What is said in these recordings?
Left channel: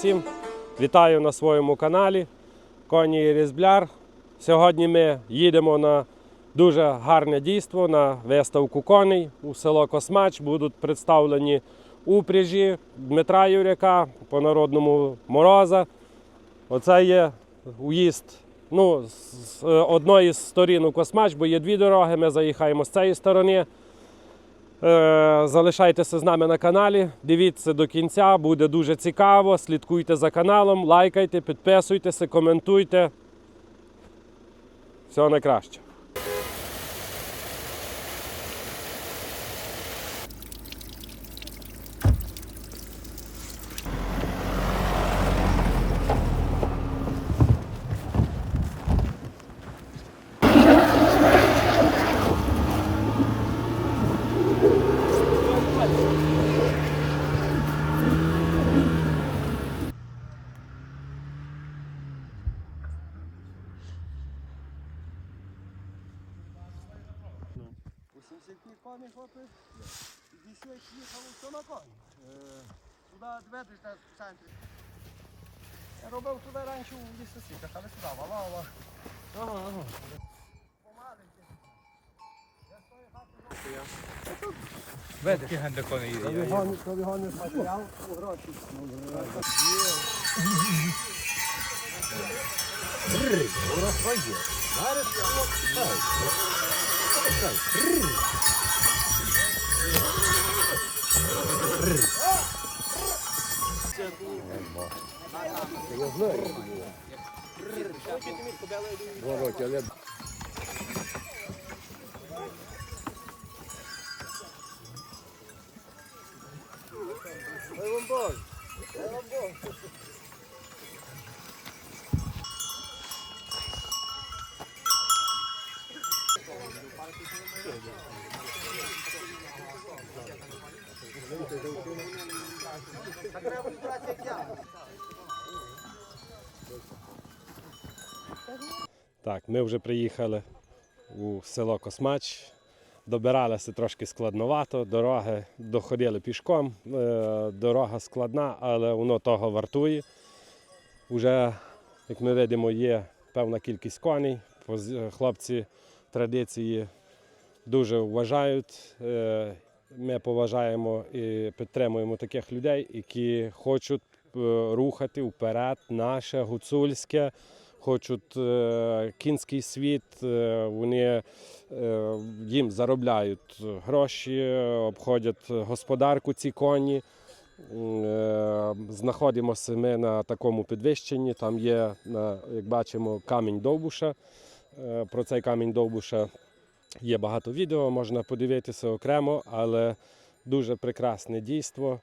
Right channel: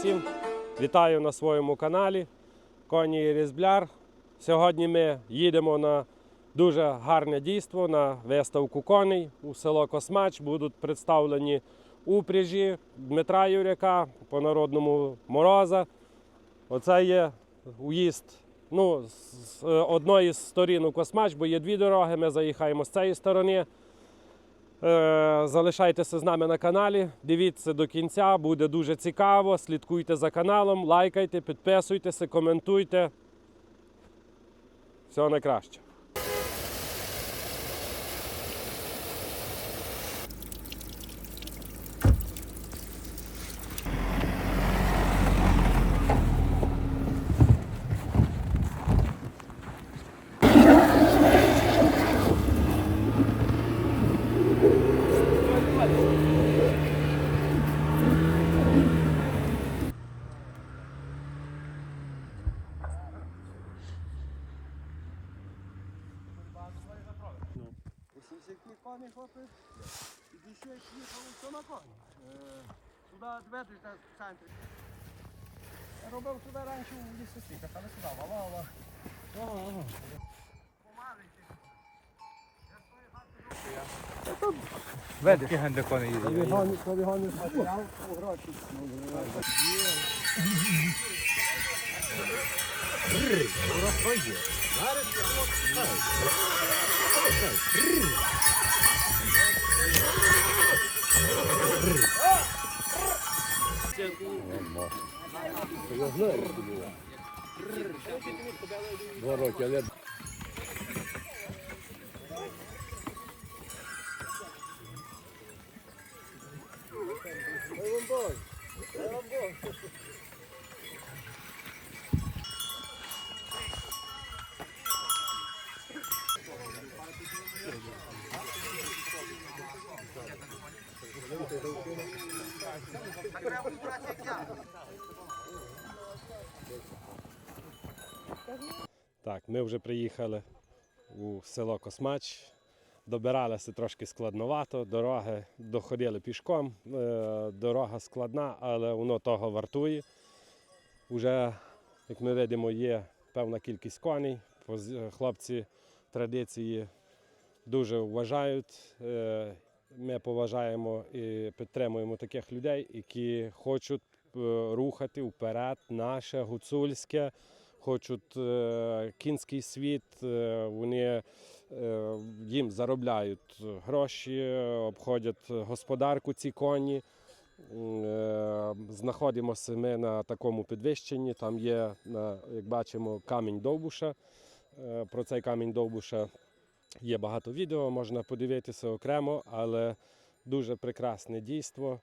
Всім. Вітаю на своєму каналі Коні Різбляр. Сьогодні ми їдемо на дуже гарне дійство на виставку коней у село Космач. Будуть представлені упряжі Дмитра Юряка по народному Мороза. Оце є уїзд ну, з з одної з сторін у Космач, бо є дві дороги. Ми заїхаємо з цієї сторони. Е, Залишайтеся з нами на каналі, дивіться до кінця, буде дуже цікаво. Слідкуйте за каналом, лайкайте, підписуйтеся, коментуйте. Всього найкраще. Туди дивитись на центрі. Я робив туди раніше у лісосвітах, але сюди валава. Ага, ага. Веде, кого до коней їде. Полігони, полігони матеріал у гроші. Воротя, Ой, бомбой! Ой, бомбой! Так, ми вже приїхали у село Космач. Добиралися трошки складновато, дороги доходили пішком. Е, Дорога складна, але воно того вартує. Уже, як ми видимо, є певна кількість коней. Хлопці традиції дуже вважають. Е, Ми поважаємо і підтримуємо таких людей, які хочуть е, рухати вперед наше гуцульське, хочуть е, кінський світ. е, Вони е, їм заробляють гроші, обходять господарку ці коні. Знаходимося ми на такому підвищенні. Там є, як бачимо, камінь Довбуша. Про цей камінь Довбуша є багато відео, можна подивитися окремо, але дуже прекрасне дійство.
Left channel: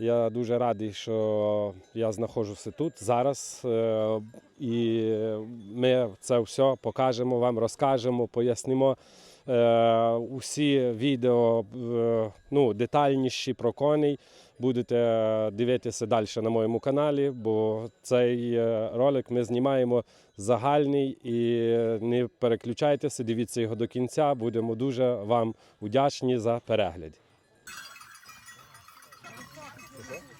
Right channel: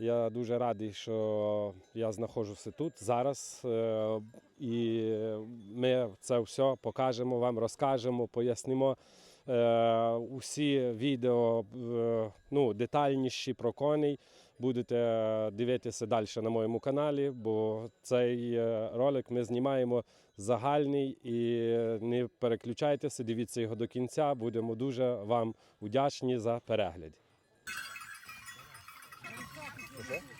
Я дуже радий, що я знаходжуся тут зараз. е, І ми це все покажемо вам, розкажемо, пояснимо. Е, Усі відео е, ну, детальніші про коней будете дивитися далі на моєму каналі, бо цей ролик ми знімаємо загальний і не переключайтеся, дивіться його до кінця. Будемо дуже вам вдячні за перегляд. Я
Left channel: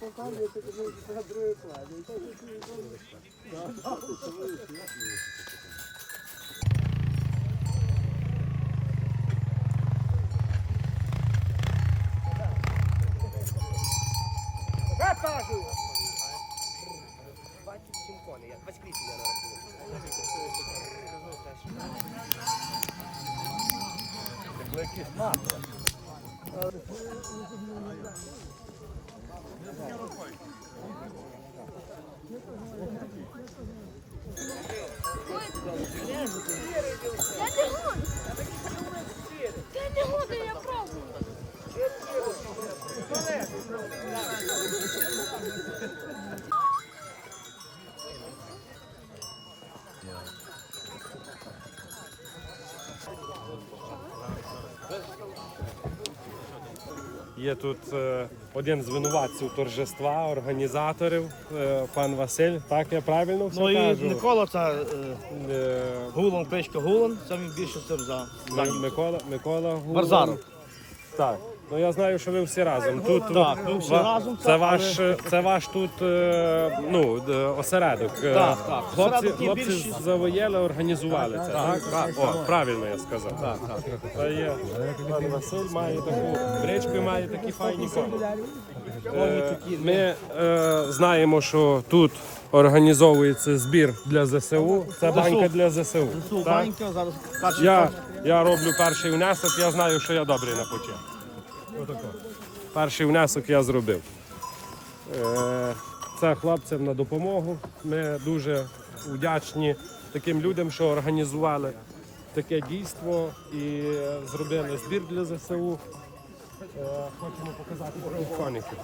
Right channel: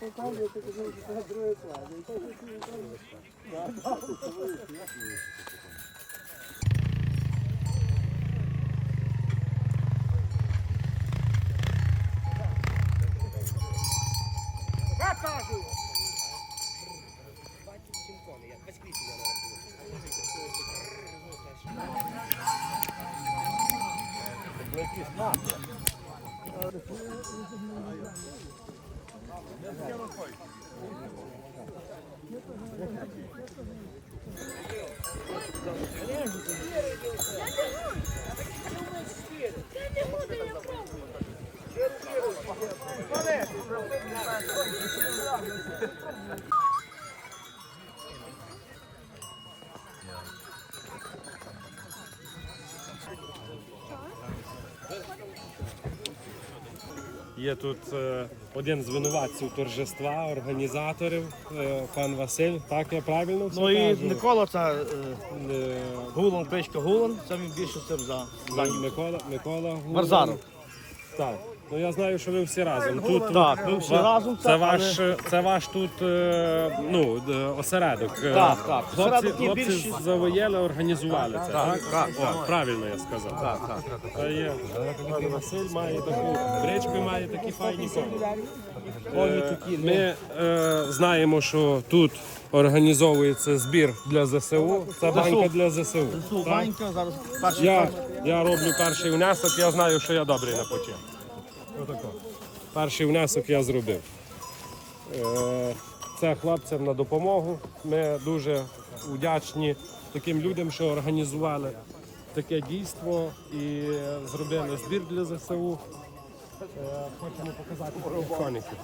казав, їдь Є тут е, один з винуватців торжества, організаторів, е, пан Василь. Так я правильно все Ну і кажу? Микола та е, Е, Гулан, печка Гулан, це він більше цим за Микола, Микола Гулан. Барзаров. Так. Ну я знаю, що ви всі разом. Тут Так, ми всі ва- разом, Це так, ваш, це ваш тут е, ну, д- осередок. Е, Так, так. Хлопці, Осередок є хлопці більші. завоєли, організували це. Так, так, О, правильно я сказав. Так, так. Та є. Пан Василь має таку бричку і має такі файні коні. Е, Ми е, знаємо, що тут організовується збір для ЗСУ. Це банька для ЗСУ. Су так? банька, зараз перший Я, я роблю перший внесок, я знаю, що я добрий на початку. Отако. Перший внесок я зробив. Е, Це хлопцям на допомогу. Ми дуже вдячні таким людям, що організували таке дійство і зробили збір для ЗСУ. Е, Хочемо показати таких коників.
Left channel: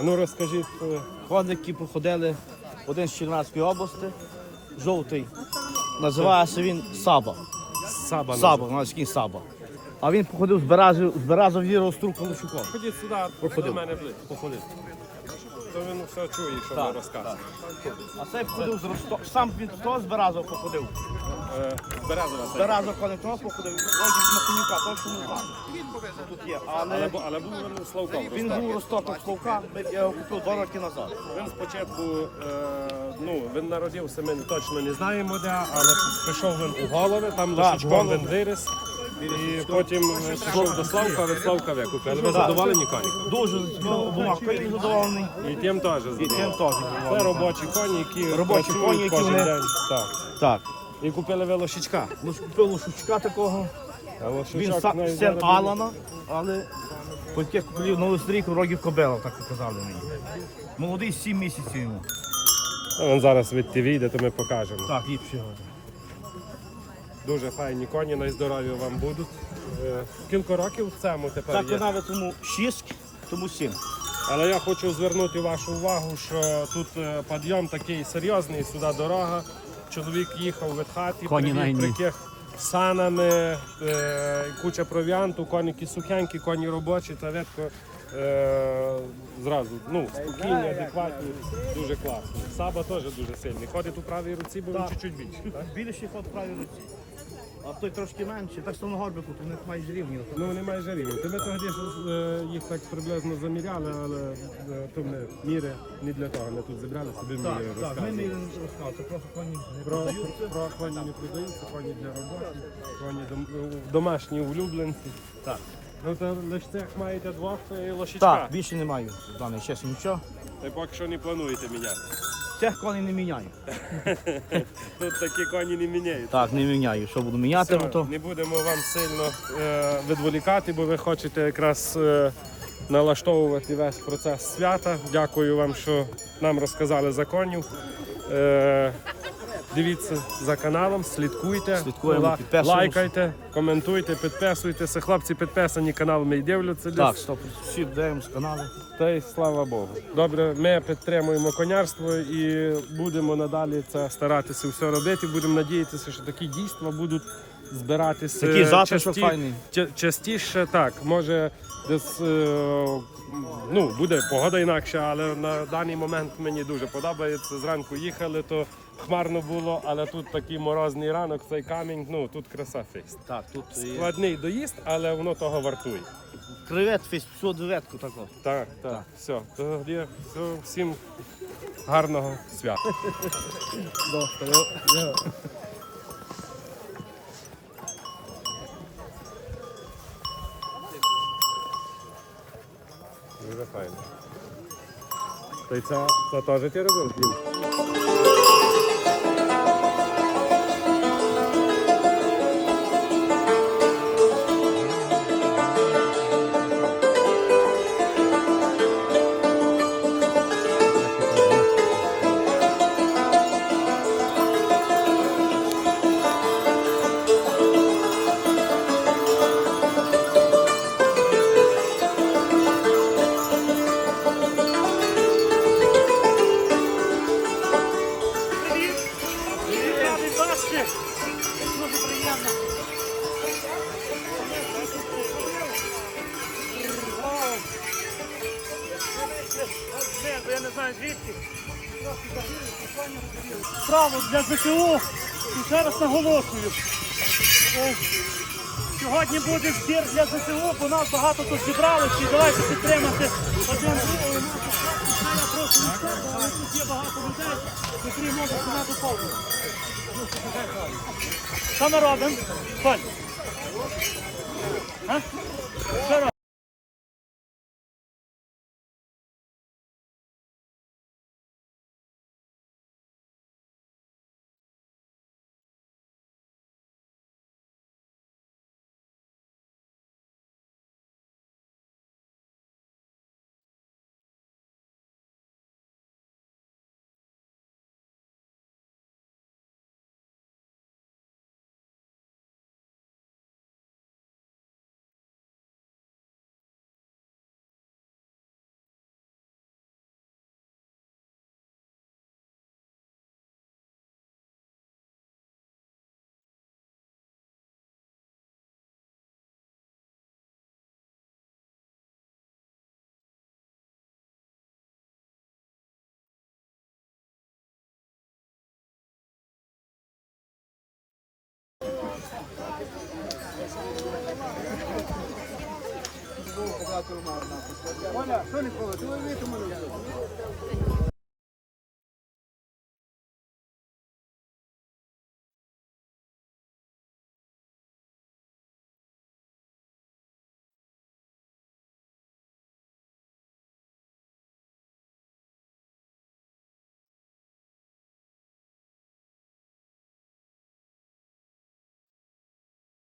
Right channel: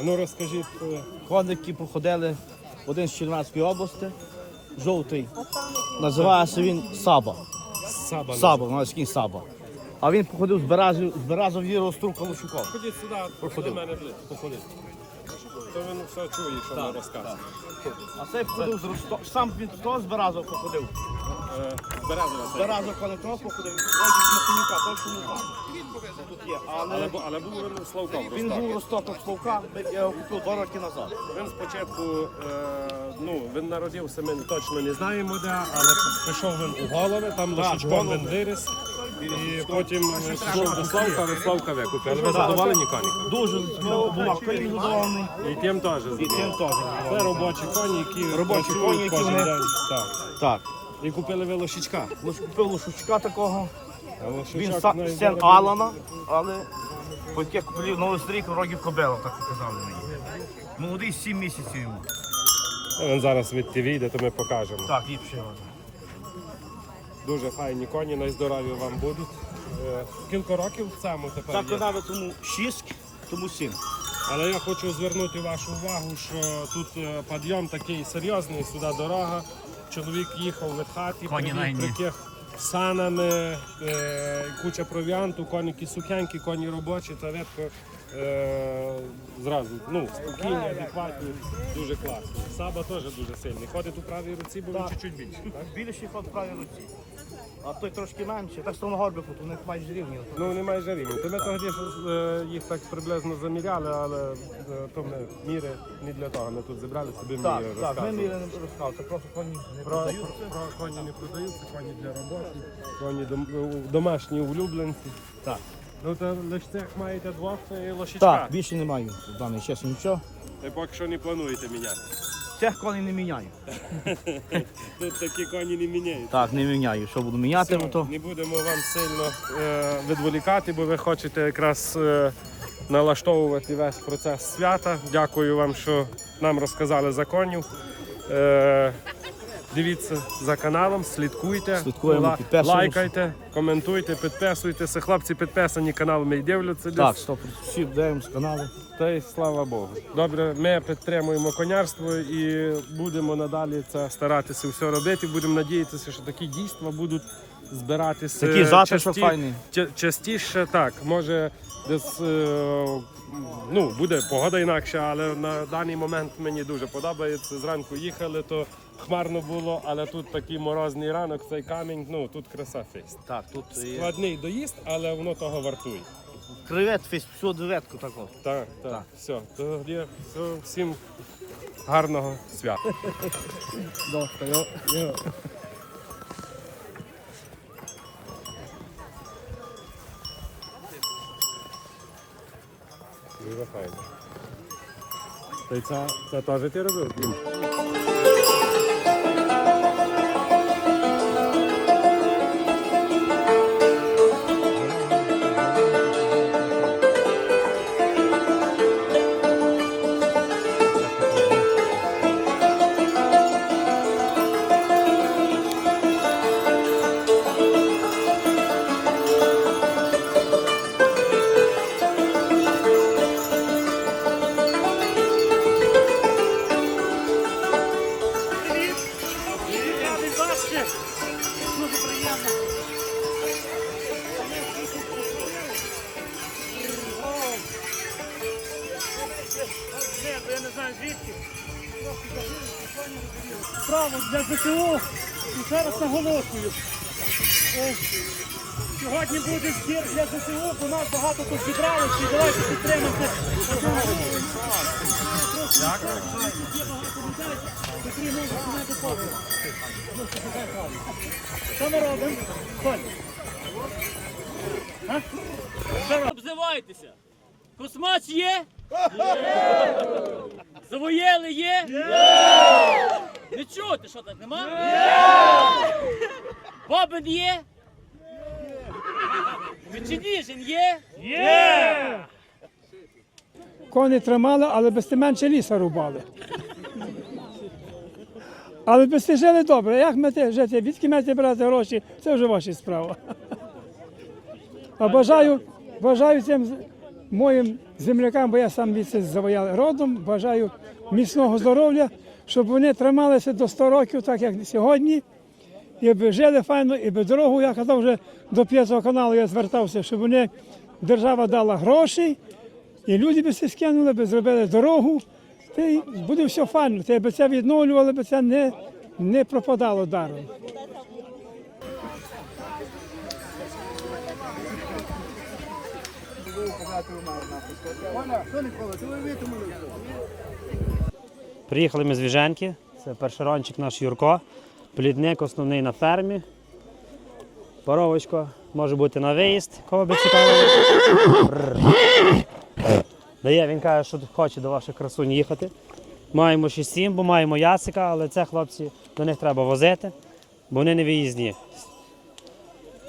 А ну розкажіть, е, Конники походили один з Чернівської області, жовтий. Називався він Саба. Саба. Саба, морський Саба. А він походив з Березів, з Березов віру з Турком Лущуком. Ходіть сюди, до мене ближче, походіть. То він все чує, що ми розказуємо. А цей походив з Ростов. Сам він то з Березов походив. Е, Березова З це. Коли то походив, вроді з Маханюка, точно не знаю. Тут є. Але, Але бу- але був він він був Ростоком Словка, я його купив два роки назад. Він спочатку, е, ну, він народився, ми точно не знаємо де, але пішов він у голови, там лошичком голови. він виріс. І потім пішов до Славка, від Славка викупив. Але ви задоволені коні? Дуже ну, обома коні задоволений. І тим теж І тим теж. Це робочі коні, які Робочі працюють коні, які кожен день. Так. Так. І купили ви лошичка. Лиш купив лошучка такого. А Він лошичок са- навіть син зараз Алана, але хоч як купив новий рік рогів кобила, так показали мені. Молодий 7 місяців йому. Ну, Він зараз від ТВ йде, то ми покажемо. Так, ліпше. Дуже файні коні, найздорові вам будуть. Е, Кілька років в цьому тепер Так, є. навіть тому 6, тому 7. Але я хочу звернути вашу увагу, що тут е, підйом такий серйозний, сюди дорога. Чоловік їхав від хати, Коні привів таких санами, е, куча провіанту, коніки сухенькі, коні робочі та ветко е, зразу ну, спокійні, адекватні, дуже класні. Саба теж дуже сильний. Ходить у правій руці, бо він чуть-чуть більший. Більший ход правій руці. А той трошки менший, так що на горбику, то не майже рівні. Ну немає жарів. Тебе тоді ж е, їх так приблизно заміряли, але е, то ми міри не для того. Ми тут зібрали собі Так, міри так, ми розказуємо. не розказали, це просто коні не Про, продаються. про коні не продаються, коні для роботи, коні дом- домашні улюбленці. Так. Ну то лише цих маєте двох і лошичка. Так, більше не маю даний час нічого. Та поки що не плануєте міняти. Цих коней не міняю. Тут такі коні не міняють. Так, не міняю. Що буду міняти, Все, ну то. Не будемо вам сильно е, відволікати, бо ви хочете якраз е, налаштовувати весь процес свята. Дякую вам, що нам розказали за конів. Е, дивіться за каналом, слідкуйте, Слідкуємо, підписуємося. лайкайте, коментуйте, підписуйтеся. Хлопці підписані, канал ми й дивляться. Так, десь. стоп, всі дивимось канали. Та й слава Богу. Добре, ми підтримуємо конярство і будемо надалі це старатися все робити. Будемо надіятися, що такі дійства будуть збиратися Такий затишок часті- файний. ча- частіше. Так, може десь е, ну, буде погода інакша, але на даний момент мені дуже подобається. Зранку їхали, то хмарно було, але тут такий морозний ранок, цей камінь, ну тут краса фейс. Так, тут є Складний доїзд, але воно того вартує. кревет, фейс, всю ветку тако. Так, так, Так. все. Тоді все, всім гарного свята. Дуже файно. Це, це теж ти робив? Справу для ЗСУ. І ще раз наголошую. Е, Сьогодні буде збір для ЗСУ, бо нас багато тут зібралося. І давайте підтримати один другого. Себе, але тут є багато людей, які можуть себе доповнити. Що ми робимо? Обзивайтеся. Космач є? Завоєли є? Не чути, що так нема? Бобин є? Печеніжин є? Коні тримали, але без тим менше ліса рубали. Але без жили добре. Як мете жити? Відки мете брати гроші, це вже ваша справа. А бажаю, бажаю цим моїм землякам, бо я сам від завояли родом, бажаю міцного здоров'я, щоб вони трималися до 100 років, так як сьогодні. І би жили файно, і би дорогу, я казав вже до п'ятого каналу, я звертався, щоб вони держава дала гроші, і люди би все скинули, би зробили дорогу, й буде все файно. Та би це відновлювали, би це не, не пропадало даром. Приїхали ми з Віженки, це першерончик наш Юрко, плідник основний на фермі. Коровочко може бути на виїзд, кого би цікавило. Дає, він каже, що хоче до ваших красунь їхати. Маємо ще сім, бо маємо ясика, але це хлопці до них треба возити, бо вони не виїзні.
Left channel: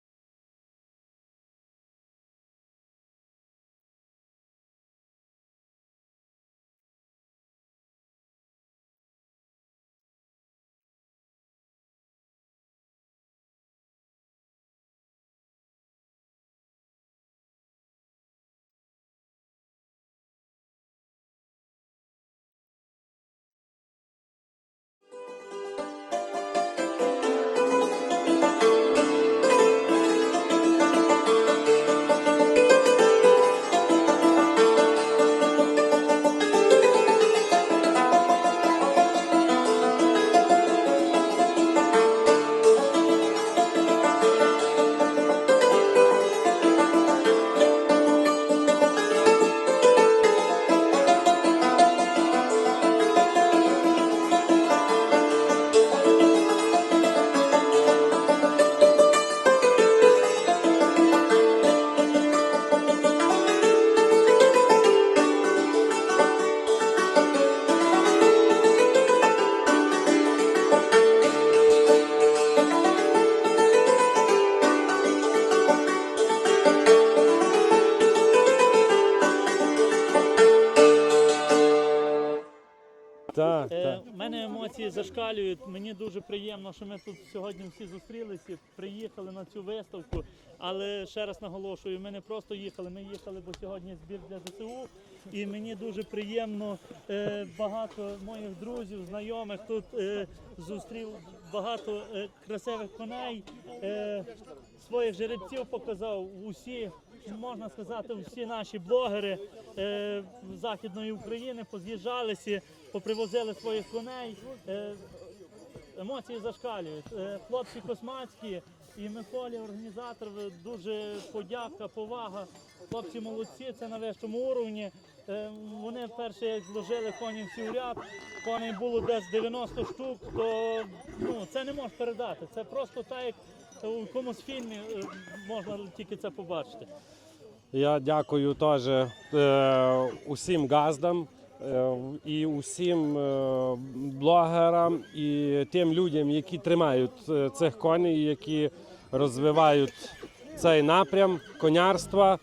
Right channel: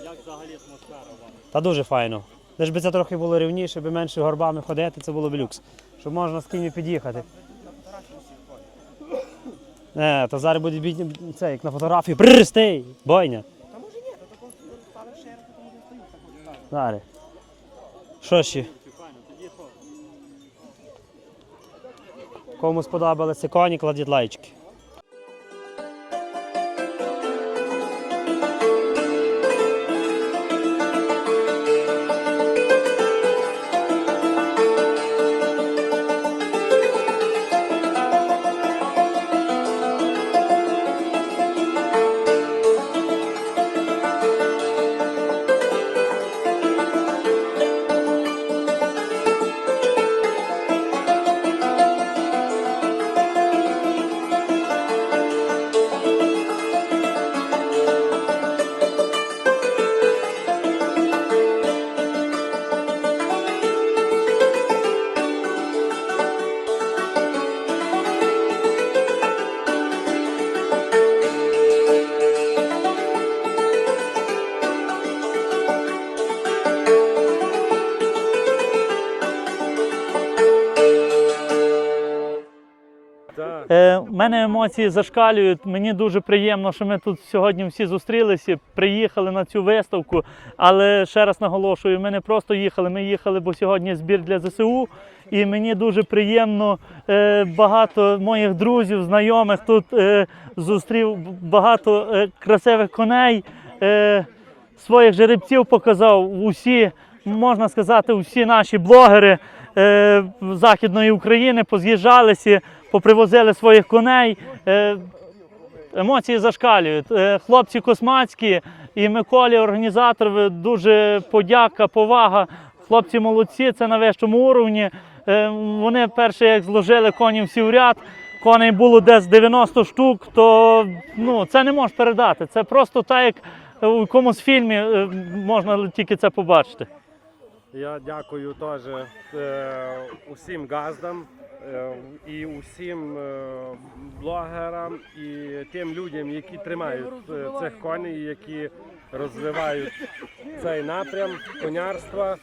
Як взагалі атмосфера у вас? Та дуже файно. Лиш би це трохи було рівніше, би менше горбами ходити, це було б люкс. Щоб можна з кимось під'їхати. Не, то зараз буде бідні, це як на фотографії. Бррр, стей! Бойня. Та може ні, то тако ставиш шерку, Зараз. Що ще? Кому сподобалися коні, кладіть лайчики. Емоції зашкалюють. Мені дуже приємно, що ми тут сьогодні всі зустрілися, приїхали на цю виставку. Але ще раз наголошую, ми не просто їхали, ми їхали, бо сьогодні збір для ЗСУ. І мені дуже приємно, е, багато моїх друзів, знайомих тут е, зустрів багато е, красивих коней. Своїх жеребців показав усі, можна сказати, усі наші блогери Західної України поз'їжджалися, попривозили своїх коней. Е, емоції зашкалюють. Е, хлопці космацькі і Миколі, організатор, дуже подяка, повага. Хлопці молодці, це на вищому уровні. Е, вони перше, як зложили коні всі в ряд, коней було десь 90 штук, то ну, це не можеш передати. Це просто так, як у якомусь фільмі можна тільки це побачити. Я дякую теж усім газдам і усім е, блогерам і тим людям, які тримають е, цих коней, які розвивають цей напрям конярства.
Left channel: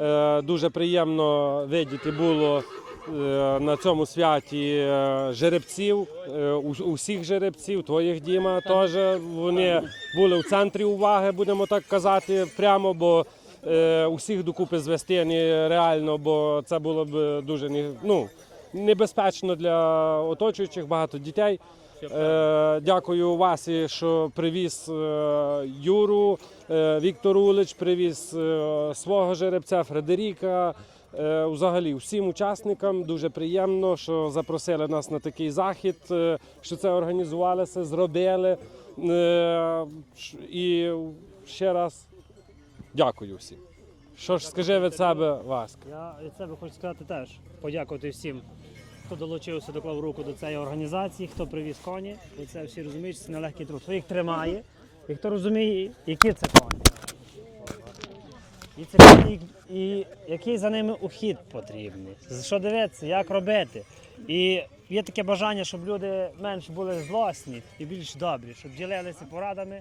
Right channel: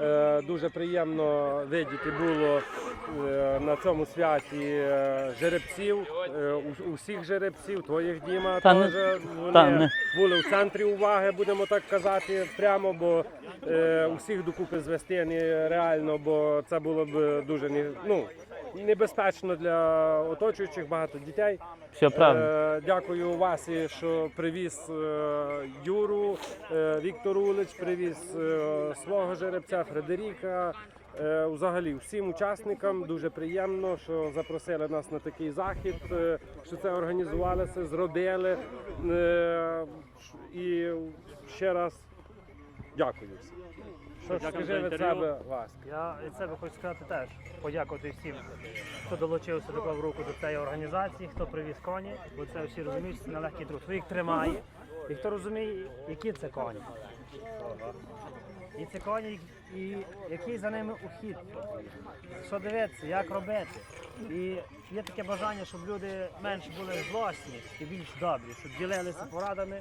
Е, дуже приємно видіти було е, на цьому святі е, жеребців, е, усіх жеребців, твоїх Діма теж вони були в центрі уваги, будемо так казати прямо, бо е, усіх докупи звести не реально, бо це було б дуже ну, небезпечно для оточуючих багато дітей. Все правильно. Е, дякую Васі, що привіз е, Юру. Е, Віктор Улич привіз е, свого жеребця Фредеріка. Е, Взагалі, всім учасникам дуже приємно, що запросили нас на такий захід, е, що це організувалося, зробили. Е, І ще раз дякую всім. Що ж, скажи від себе, Васька? Я від себе хочу сказати теж подякувати всім, хто долучився доклав руку до цієї організації, хто привіз коні. Бо це всі розуміють, це нелегкий труд. Хто їх тримає, і хто розуміє, які це коні. І це коні, і який за ними ухід потрібний. Що дивитися, як робити. І є таке бажання, щоб люди менш були злосні і більш добрі, щоб ділилися порадами.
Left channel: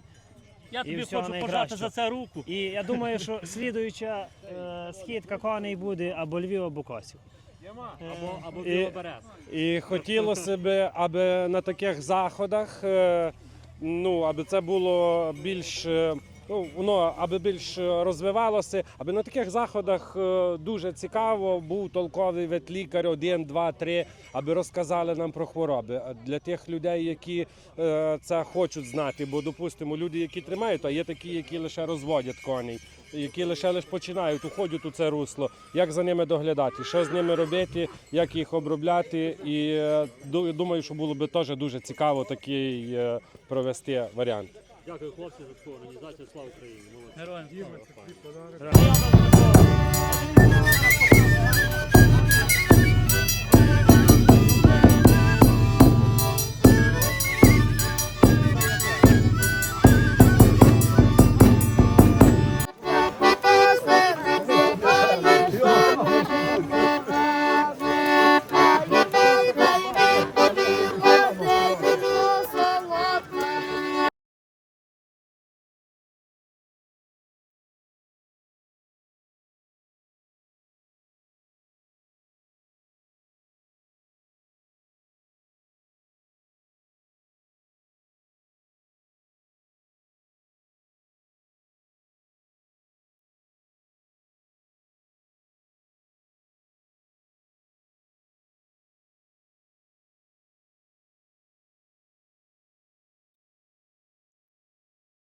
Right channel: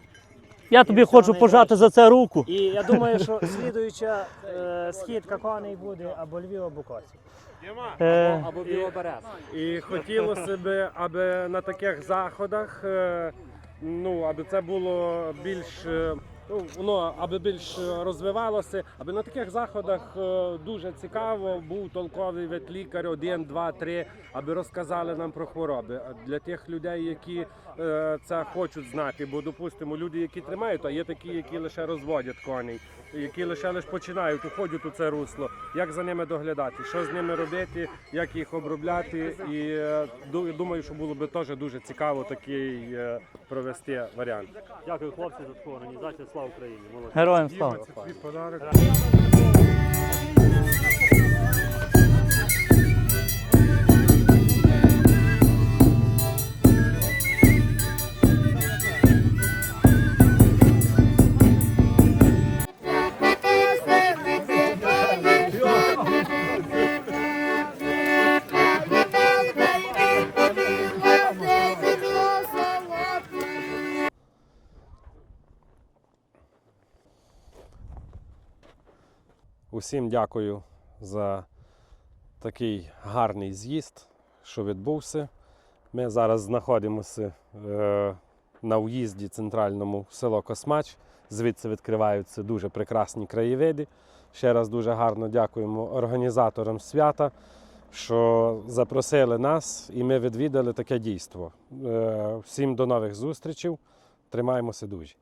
Я тобі всього хочу пожати за це руку. І я думаю, що слідуюча е, схід коней буде або Львів, або Косів. Е, Або Берез. І хотілося б, аби на таких заходах, е, ну, аби це було більш. е, Ну, воно аби більш е, розвивалося, аби на таких заходах е, дуже цікаво був толковий ветлікар, один, два, три, аби розказали нам про хвороби. А для тих людей, які е, це хочуть знати, бо допустимо, люди, які тримають, а є такі, які лише розводять коней, які лише лише починають, уходять у це русло. Як за ними доглядати, що з ними робити, як їх обробляти. І думаю, що було би теж дуже цікаво такий провести варіант. Дякую, хлопці, за таку організацію. Слава Україні! Молодці. Героям слава. Усім дякую за такий гарний з'їзд, що відбувся. Ми зараз знаходимося е, на в'їзді центральному в село Космач. Звідси відкриваються дуже прекрасні краєвиди. Ще раз дуже гарно дякуємо організаторам свята, що запросили нас і ми відвідали таке дійство. Е, всім до нових зустрічей. Тримаємося дуже.